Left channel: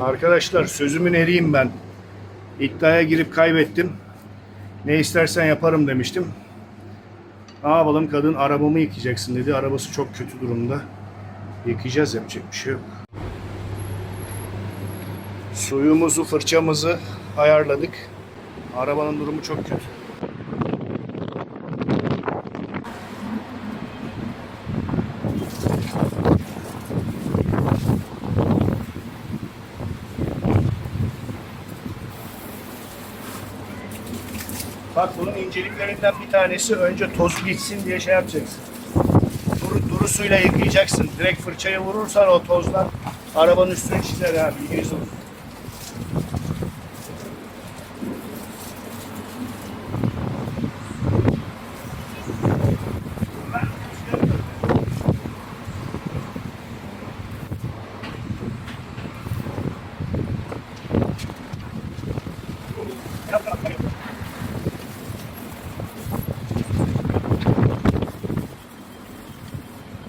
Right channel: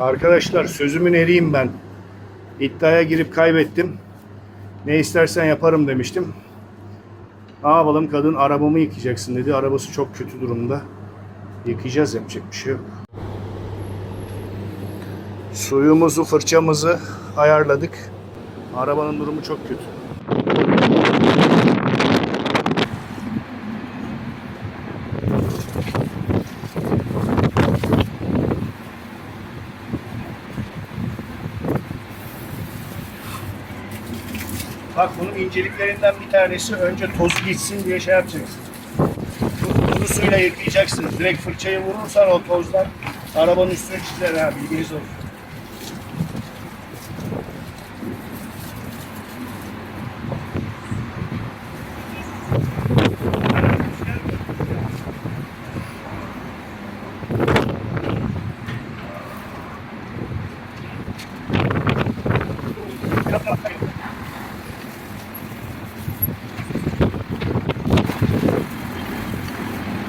Arkadaşlar sözümün eriyim ben. İddiaya girip kaybettim. Ne istersen yaparım demiştim. Ne yapalım kadın arabamı yıkayacaksın dedi. Arabası çok kötü durumda. Yıkayacağız yapacak bir şey yok. Suyumuzu, fırçamızı ayarladık. Arabanın durumu çok kötü. Bak bunun inceliklerinden bir tanesi önce toz gitsin diye şey yapacaksın. Kuru, kuru suyla yıkayacaksın. Direkt fırçayı vurursan o tozlar arabanın üstünü çizer ha bilginiz olsun.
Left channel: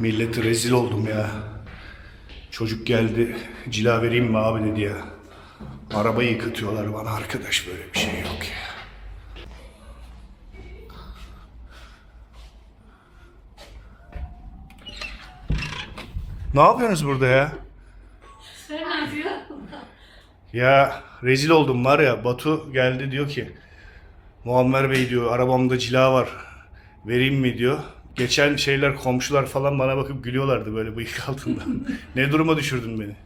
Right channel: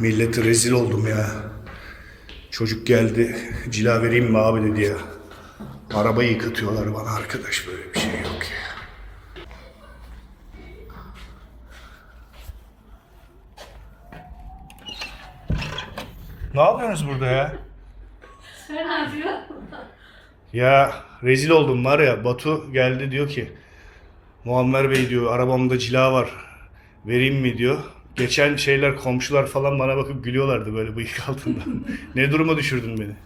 Milleti rezil oldum ya. Çocuk geldi, cila vereyim mi abi dedi ya. Arabayı yıkatıyorlar bana arkadaş böyle bir şey yok ya. Ne yapıyorsunuz burada ya? Sen ne yapıyorsun? Ya rezil oldum var ya Batu geldi diyor ki Muammer Bey diyor arabamda cila var vereyim mi diyor. Geçen şeyler komşular falan bana bakıp gülüyorlardı böyle bıyık altından. ne duruma düşürdün beni?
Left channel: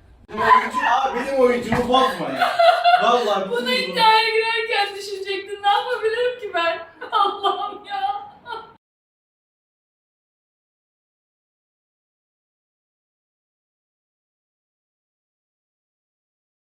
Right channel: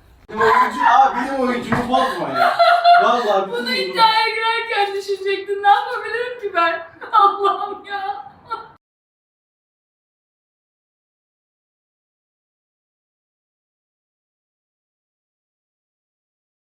Oyuncu, abi benim oyuncumu bozma ya. Vallahi Bunu iddiaya girerken düşünecektin. Ne yapabilirim ki.